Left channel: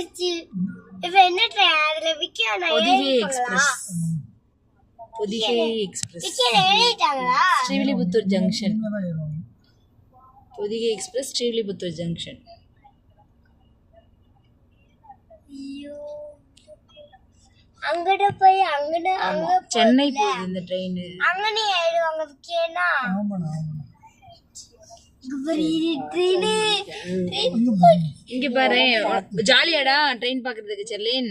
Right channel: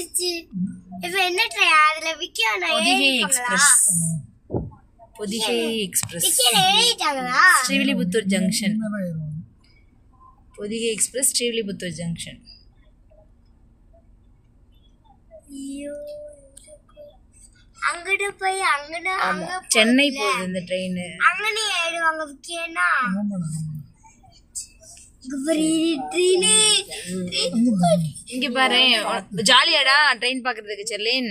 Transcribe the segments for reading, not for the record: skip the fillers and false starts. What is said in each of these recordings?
போச்சு. இப்ப என்ன ட்ரெயின் அதுல விக்கியானா பொதிகை எக்ஸ்பிரஸ். பொதிகை எக்ஸ்பிரஸ் ஏறிட்டாங்களா? Srivilliputhur junction. Podhigai express Srivilliputhur junction. ஐயோ அங்கட போய் அங்க சென்னை போகுது இந்த ட்ரெயின். அங்கனே ஆயிடுவாங்க விக்கியனா. இங்க பாரு ஜாலியாடா ட்ரெயின் பாக்குறதுக்கு செர்லின்.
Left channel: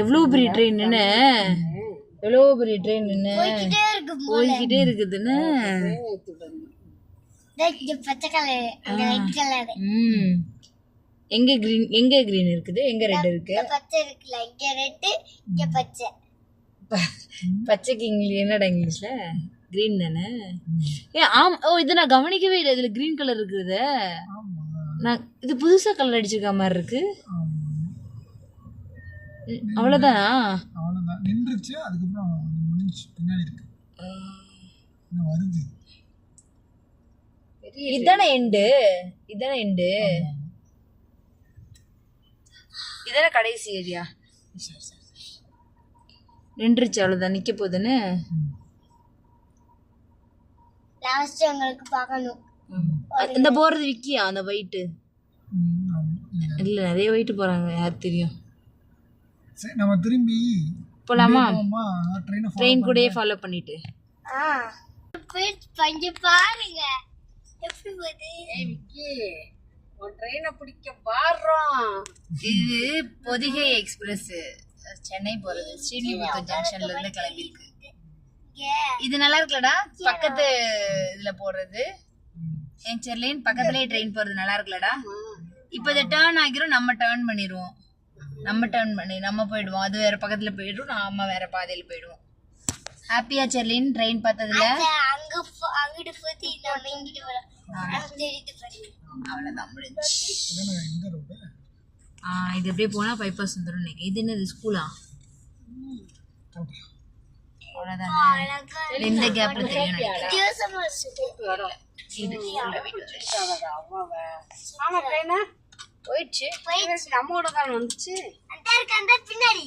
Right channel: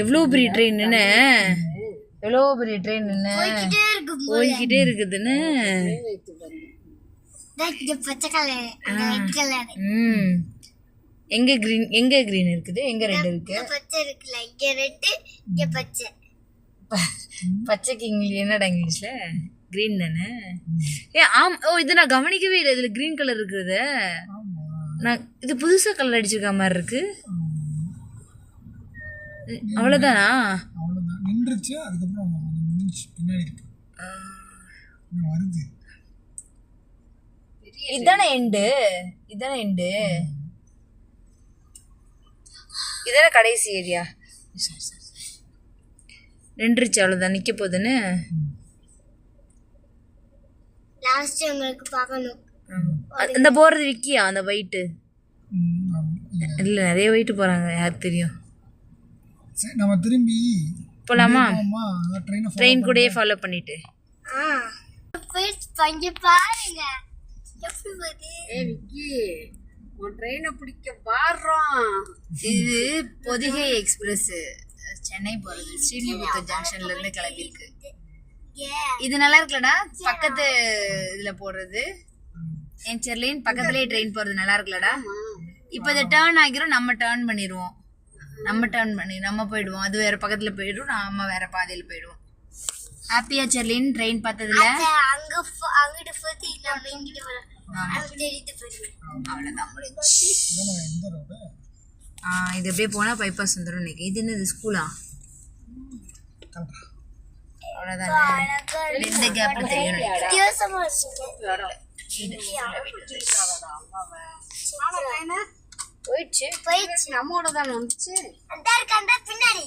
எவ்வளவு பெரிய ட்ரெயின்னு, எவ்வளவு பெரிய ட்ரெயின்னு போய்கிட்டே இருக்குதுன்னு. பச்சை கலர் ரெட் கலர். எங்க கிரீன், எங்க கிரீன் இருக்குது, எங்க ரெட் இருக்கு? பச்சை இருக்குல, இங்க ரெட் இங்க பச்சை. பச்சைக்கு இங்கிலீஷ் என்னடா இங்கிலீஷ்ல? கிரீன் தானே? ஓ இது நான் கவனிக்கவே இல்லை. இதுல கிரீன் கலர் இருக்குது. நான் இது புதுசா கலர் அடிச்சிருக்க மாதிரி இருக்கு. அவ்வளவுதானா? அவ்வளவுதான், நின்றுச்சு. அதுக்கப்புறம் முடிஞ்சு பின்னாடி இருக்கு வருது. இதானே எண்டு, இதானே எண்டு, இதானே கடைசி ஏரியா. நின்றுச்சு, அவ்வளவுதான், நிக்க போகுதுன்னு. லாஸ்ட் உங்களுக்கு பார்க்கணும். அந்த போறது விக்கியா அந்த வெயிட்? இல்ல நிறைய வெயிட் போறாங்க, யாருக்கு தெரியும். நம்ம திரும்பி போலாமா? ட்ரெயின் கூடயே ஃபாலோ பண்ணிட்டு பஞ்சு பாருங்க எப்படி போகுது. விக்கி உன் ட்ரெயினை பிடிக்க பாடுறோம். இது பொதிகை எக்ஸ்பிரஸ் சென்னை போறது. ஸ்ரீவில்லிபுத்தூர் ஜங்ஷன்ல இருந்து கிளம்பி இருக்கு. இது நல்லா இருக்குல்லடா, பக்கத்து இதுல போடுறது. என் செர்லின் பக்கத்துலயே ட்ரெயின் போறது நல்லா இருக்குல்லடா. இப்ப இதை டேர்ன் ஆகிரும், நம்ம டேர்ன் பண்ணிடுவோம். நம்ம போயிடுவோம். அது வேற பக்கத்துல போயிடும், நாம வேற பாதையில போயிடுவோம். ஹாப்பியா செர்லின் ட்ரெயின் பார்த்ததுல? அங்கிட்டு போய் நம்ம இங்கிட்டு வரோம். அவ்வளவுதான் முடிஞ்சு. இது அப்படியே போனா பைபாஸ் வந்துடும் நினைக்கிறேன். இது என்னது ஸ்கூலா? அவ்வளவுதான், இந்த கேப்ல தெரியும். போயிடுச்சு, நம்மோட தான் வந்துச்சு. பின்னாடி